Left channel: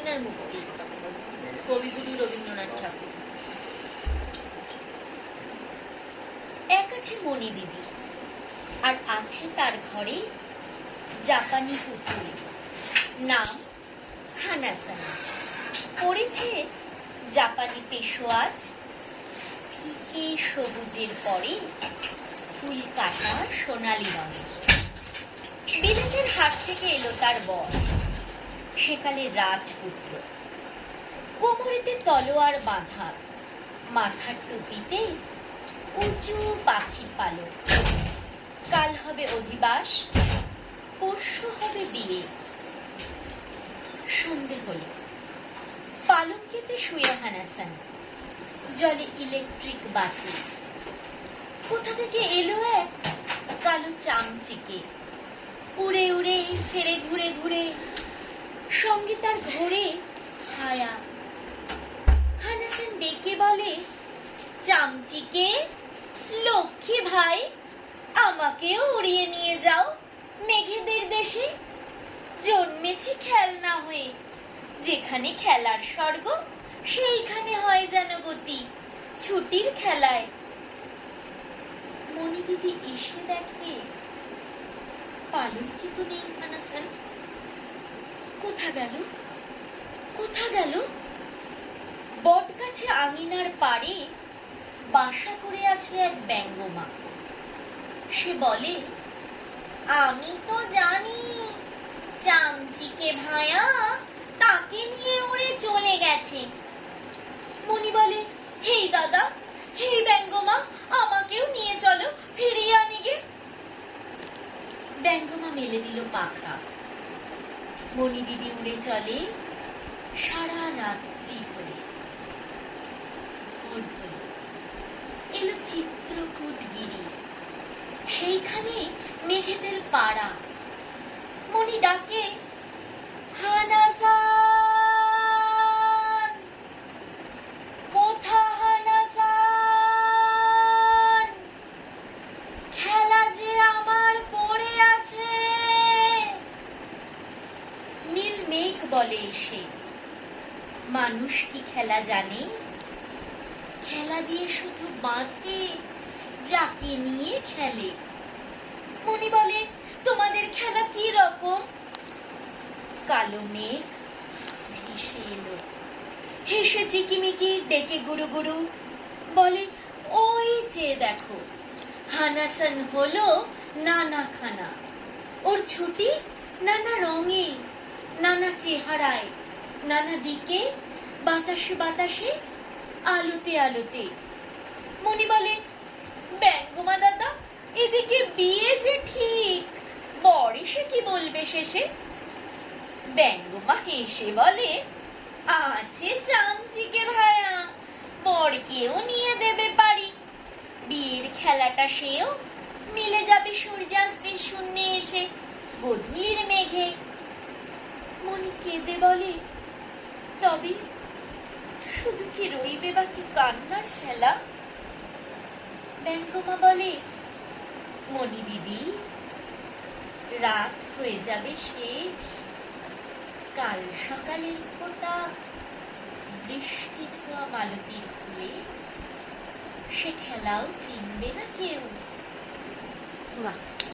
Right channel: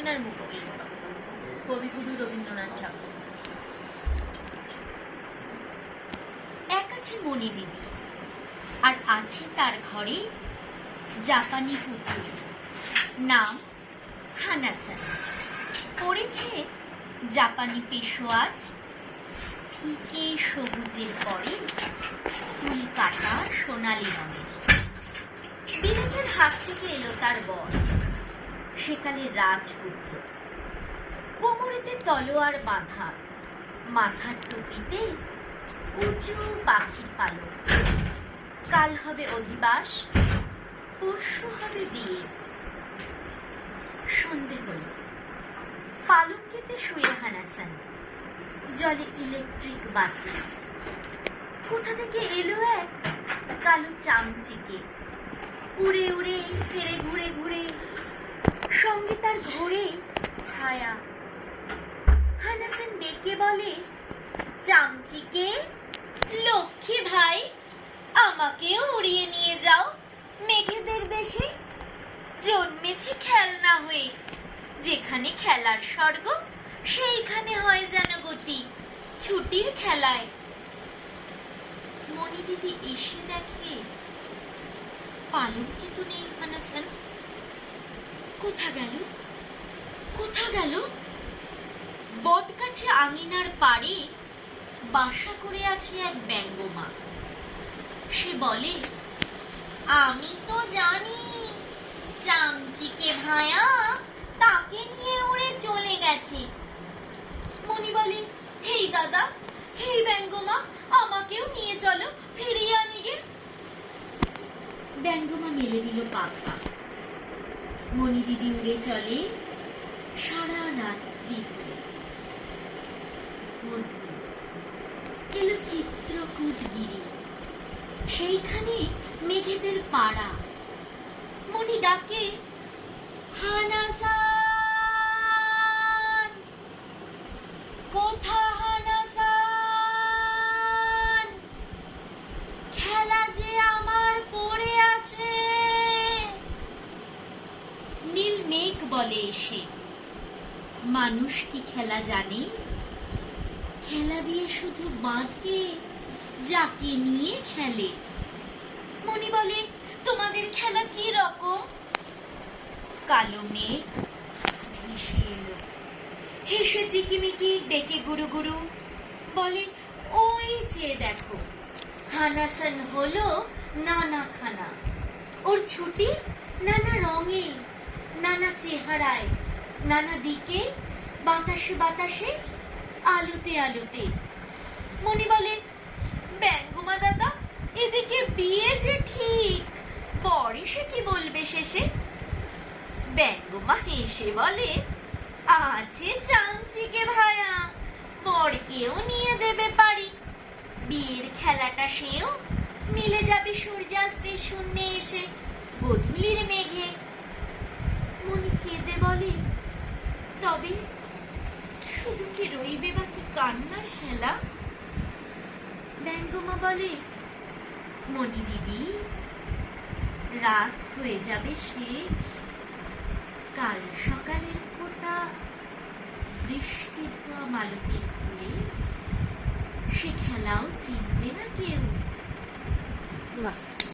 আপনার মুক্তি। কবিগুরু রবীন্দ্রনাথ ঠাকুর। এক আছে মণি দিদি, আর আছে তার ঘরে জাপানি পুতুল, নাম হানাসান। পড়েছে জাপানি পেশোয়াজ, ফিকে সবুজের পরে ফুল কাটা সোনালি রঙের। বিদেশের হাট থেকে এলো তার বর, সেকালের রাজপুত্র। কোমরেতে তলোয়ার বাঁধা, মাথার টুপিতে উঁচু পাখির পালক। কাল হবে অধিবাস, পরশু হবে বিয়ে। সন্ধে হল, পালঙ্কেতে শুয়ে হানাসান, জলে ইলেকট্রিক বাতি। কোথা থেকে এলো এক কালো চামচিকে, উড়ে উড়ে ফেরে ঘুরে ঘুরে, সঙ্গে তার ঘোরে ছায়া। হানাসান ডেকে বলে, চামচিকে, লক্ষ্মী ভাই, আমাকেও উড়িয়ে নিয়ে যাও মেঘেদের দেশে। জন্মেছি খেলনা হয়ে, যেখানে খেলার স্বর্গ সেইখানে হয় যেন গতি ছুটির খেলায়। মণি দিদি এসে দেখে পালঙ্কে তো নেই হানাসান। কোথা গেল, কোথা গেল? বট গাছে আঙিনার পাড়ে বাসা করে আছে এক ব্যঙ্গমা। সে বলে, আমি তো জানি চামচিকে ভায়া তাকে নিয়ে উড়ে চলে গেছে। মণি বলে, হেই দাদা, হেই ব্যঙ্গমা, আমাকেও নিয়ে চলো, ফিরিয়ে আনি গে। ব্যঙ্গমা মেলে দিল পাখা। মণি দিদি উড়ে চলে সারা রাত্রি ধরে। ভোর হল, এলো চিত্রকূট গিরি, সেইখানে মেঘেদের পাড়া। মণি ডাকে, হানাসান, কোথা হানাসান, খেলা যে আমার পড়ে আছে। নীল মেঘ বলে এসে, মানুষ কি খেলা জানে? খেলা দিয়ে শুধু বাঁধে যাকে নিয়ে খেলে। মণি বলে, তোমাদের খেলা কি রকম? কালো মেঘ ভেসে এলো, হেসে চিকিমিকি ডেকে গুরু গুরু বলে, ওই যে দেখো, হানাসান হলো নানা খানা। ওর ছুটি নানা রঙে, নানা চেহারায়, নানা দিকে, বাতাসে বাতাসে, আলোতে আলোতে। মণি বলে, ব্যঙ্গমা দাদা, এদিকে বিয়ে যে ঠিক, বর এসে কি বলবে শেষে? ব্যঙ্গমা হেসে বলে, আছে চামচিকে ভায়া, বরকেও নিয়ে দেবে পারি। বিয়ের খেলাটা সেও মিলে যাবে সূর্যাস্তের শূন্যে এসে গধূলির মেঘে। মণি কেঁদে বলে, তবে শুধু কি রইবে বাকি কান্নার খেলা? ব্যঙ্গমা বলে, মণি দিদি, রাত হয়ে যাবে শেষ, কাল সকালের ফোঁটা বৃষ্টি ধোয়া মালতীর ফুলে, সে খেলাও চিনবে না কেউ। বাহ।